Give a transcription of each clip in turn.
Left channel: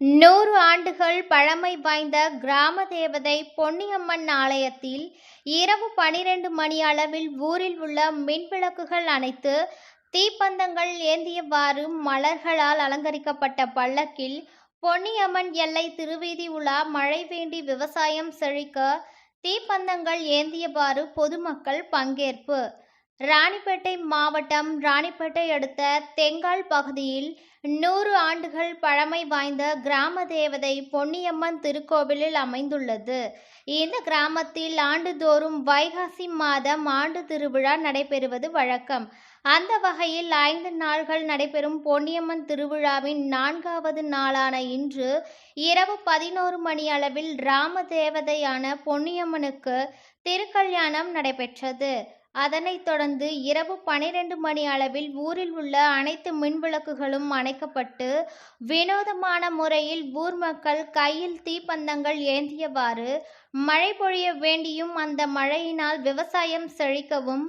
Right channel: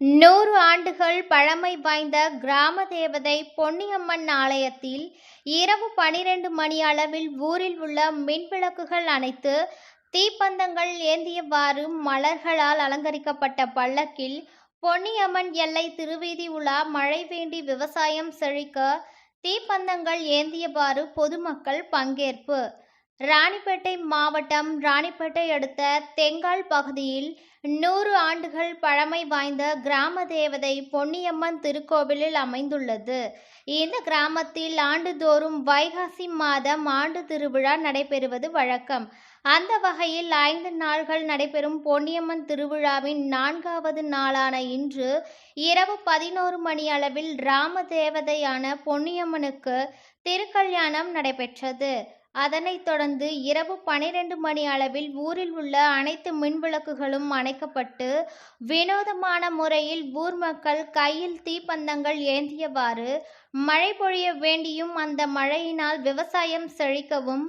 100 ஆண்டுகள் பழமை வாய்ந்த கிராம தேவதை பொன்னியம்மன் ஆலயத்தில் இரவு 12 மணி அளவில் ஊரில் உள்ள மின்விளக்குகள் அணைத்து தீப்பந்தங்கள் ஏந்தியவாறு மலர்களால் அலங்கரிக்கப்பட்ட பல்லக்கில் பொன்னியம்மன் எல்லை திருவீதி உலா மழை வேண்டி விவசாயம் செழிக்க தீப்பந்தங்கள் ஏந்தியவாறு பொதுமக்கள் பங்கேற்பு. ராணிப்பேட்டை மாவட்டம் ராணிப்பேட்டை அடுத்த தெங்கால் பகுதியில் 100 ஆண்டுகள் பழமை வாய்ந்த கிராம தேவதை பொன்னியம்மன் திருக்கோவிலில் அமைந்துள்ளது. இந்த கிராமத்தில் ஆண்டுதோறும் வைகாசி மாதம் ஆண்டு திருவிழா நடைபெறுவது வழக்கம். அந்த வகையில் 5 நாள்கள் நடைபெறும் பொன்னியம்மன் திருவிழாவின் 4வது நாளான இன்று இரவு 11 மணி அளவில் ராம தேவதையான பொன்னியம்மனுக்கு திருக்கல்யாணம் நடைபெற்றது. அதனைத் தொடர்ந்து இரவு 12 மணி அளவில் ஊரில் உள்ள அனைத்து மின்விளக்குகளும் அணைக்கப்பட்டு வினோதமான முறையில் ஊர் மக்கள் கையில் தீப்பந்தங்கள் ஏந்தியவாறு மழை பொழிய வேண்டியும் அந்த மழையினால் விவசாயம் செழிக்கவும்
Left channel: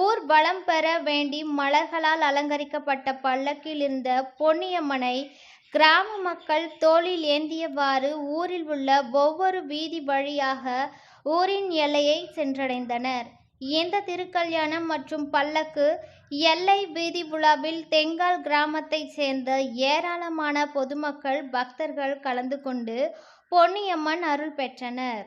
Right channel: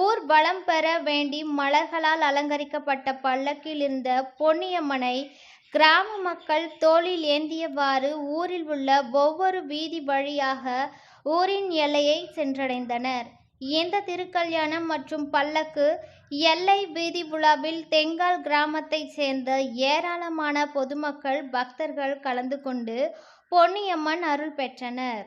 ஊர் வளம் பெற வேண்டி மலர்களால் அலங்கரிக்கப்பட்ட பல்லக்கில் இருந்த பொன்னியம்மனை கிராம மக்கள் தோளில் ஏந்தியவாறு ஊரில் உள்ள ஒவ்வொரு வீதி வழியாக ஊரின் எல்லையை சென்றடைந்தனர். இந்த திருக்கல்யாணம் மற்றும் பல்லக்கு எல்லை வீதி உலாவில் தெங்கால் கிராமத்தைச் சேர்ந்த ஏராளமான பொதுமக்கள் பக்தர்கள் கலந்து கொண்டு பொன்னியம்மன் அருள் பெற்றனர்.